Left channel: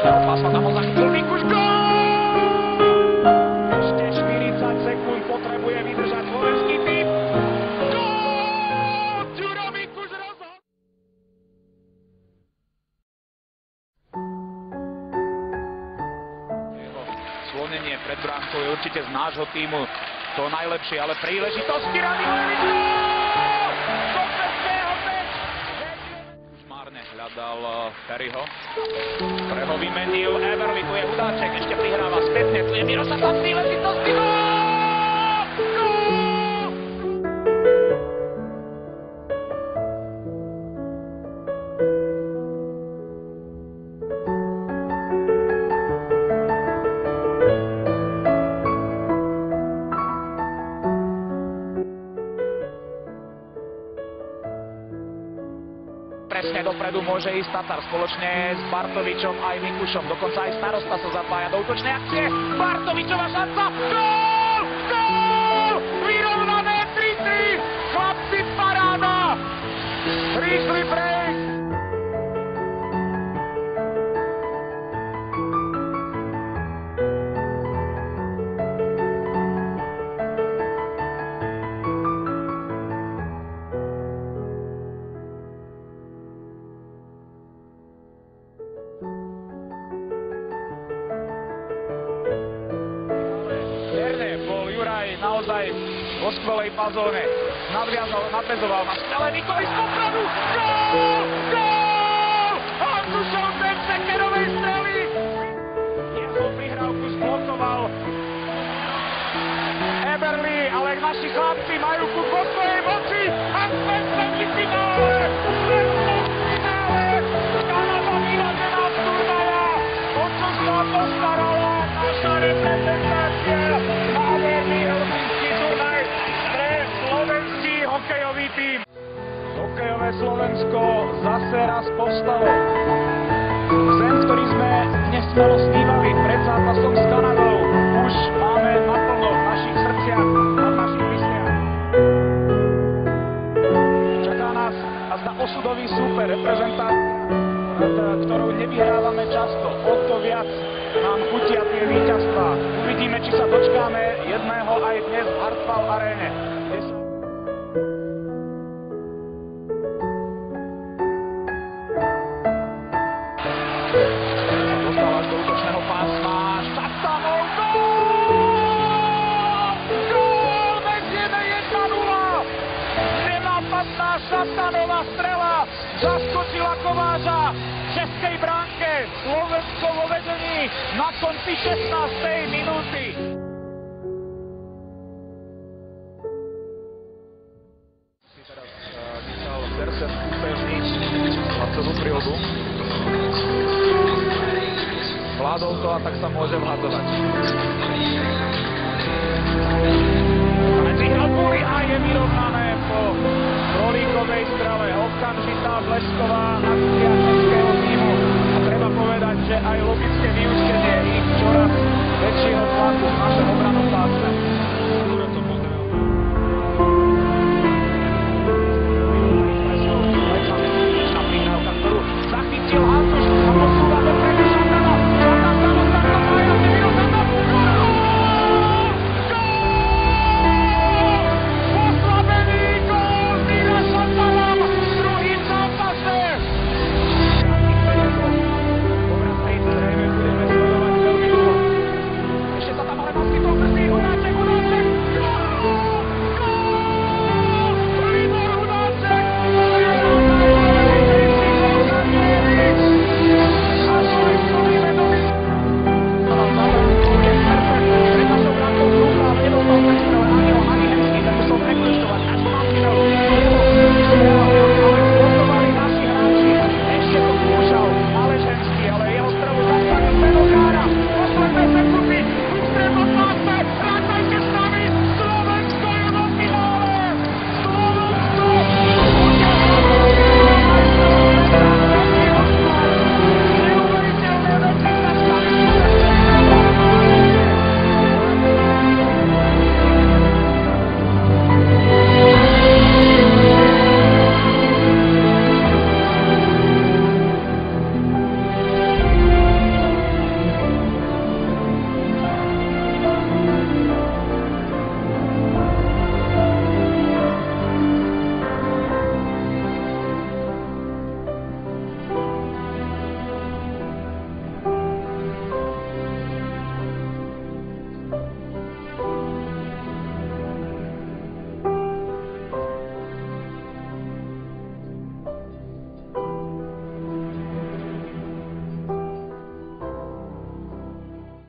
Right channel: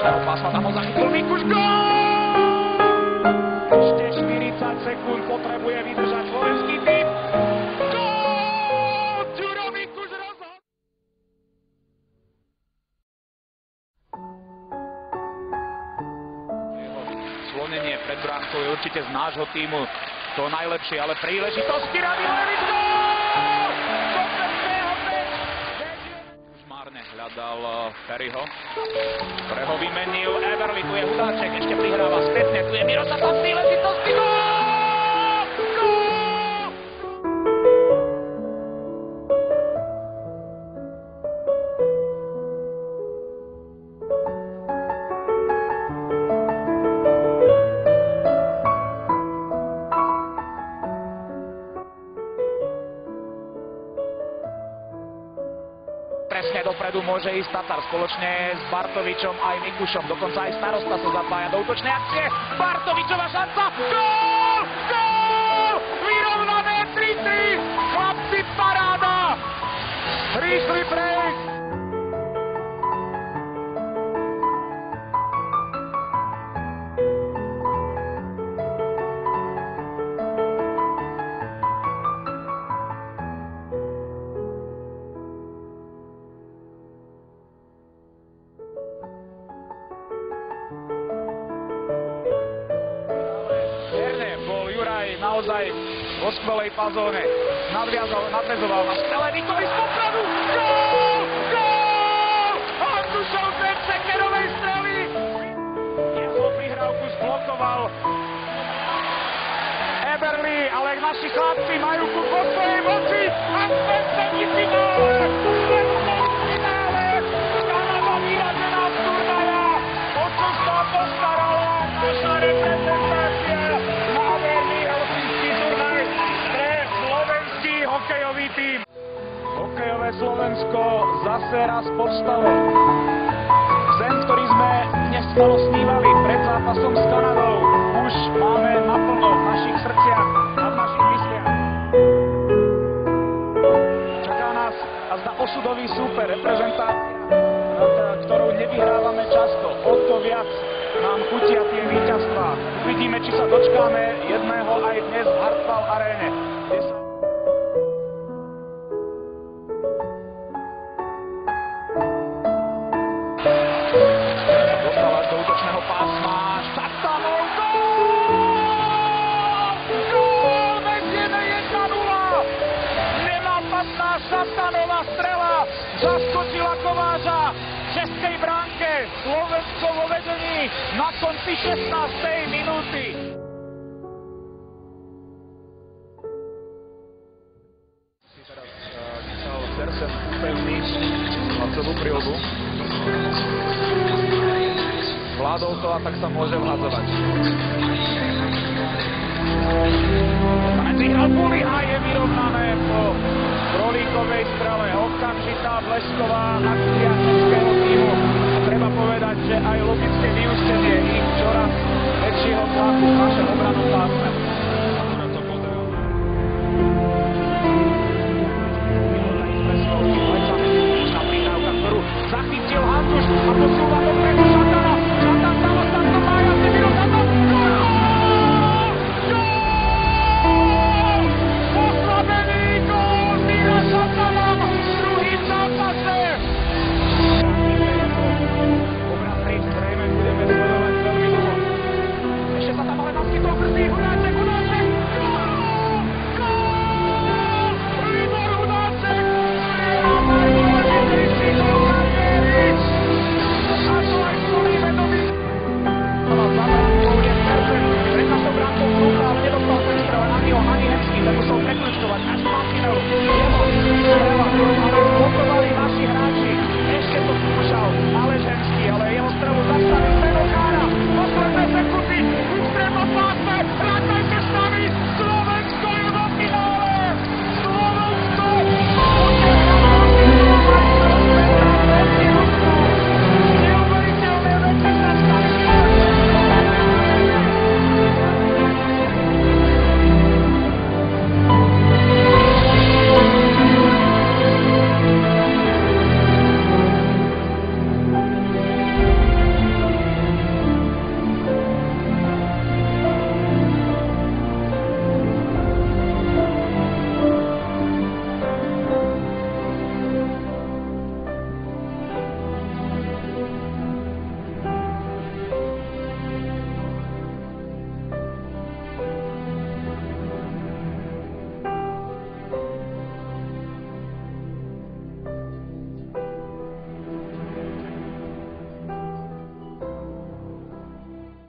útočného pásma, tam ho zachytil Mikuš, gól! Ešte 40 sekúnd potrebuje vydržať slovenský tým. Gól! Ďuro Mikuš rozhodol! Jeho slonenie pred bránkou je určite z nášho týmu to najlepšie, ale príležitosti Radivojevič, gól! Kompletného meč! Už márne hľadal Ferryho. Pre ho vymenil Eberli, tu je Hudáček, ešte prihráva spätne, tu je Miroslav, tam príležitosti, gól! Gól! Presne dopredu môže ísť Tatar spoločne s Bartovičom aj Mikušom. Dokonca aj starosta sa zapája do útočnej akcie. Bartovičová šanca. Gól! Gól! Vyrovnané 3-3. Chlapci, paráda. Rýchly break. Bol Juraj naozaj vo skvelej fazóne. Nadväzoval na skvelé výkony z popradu. Gól! Gól! Andrušov z Sekerovej strely. Jeho prihrávku zblokoval Eberli, ale naši chlapci majú ku vo svojej moci a sme v semifinále. Kanada vyradená z turnaja. O čo sa postarala naša reprezentácia. Nádherný helsinský turnaj pre slovenský hokejový tím. Hokejové Slovensko zase raz povstalo. Sen, ktorý sme nesmelo snívali pred zápasom s Kanadou, už máme naplno v našich srdciach a v našich mysliach. Čaká nás azda osudový súper, reprezentácia, nad ktorou nevyhrávame často. O to viac nám chutia tie víťazstvá. Uvidíme, či sa dočkáme jedného aj dnes v Hartwall aréne, kde sa... Dostal až do útočného pásma. Šatanov, gól! Gól! Vedieme 1-0! Nenápadná Šatanová strela zaskočila Kováča v českej bránke. Slovensko vo vedení na konci 16. minúty. Si teraz Michal Zersen upevniť hlavcovú prilbu. Vládol to a tak sa môže vhadzovať. Kanec vyhral Buli a je vyrovnané po Krolíkovej strele. Okamžitá blesková akcia českého týmu. A treba povedať, že aj logické vyústenie ich čoraz väčšieho tlaku v našom obrannom pásme.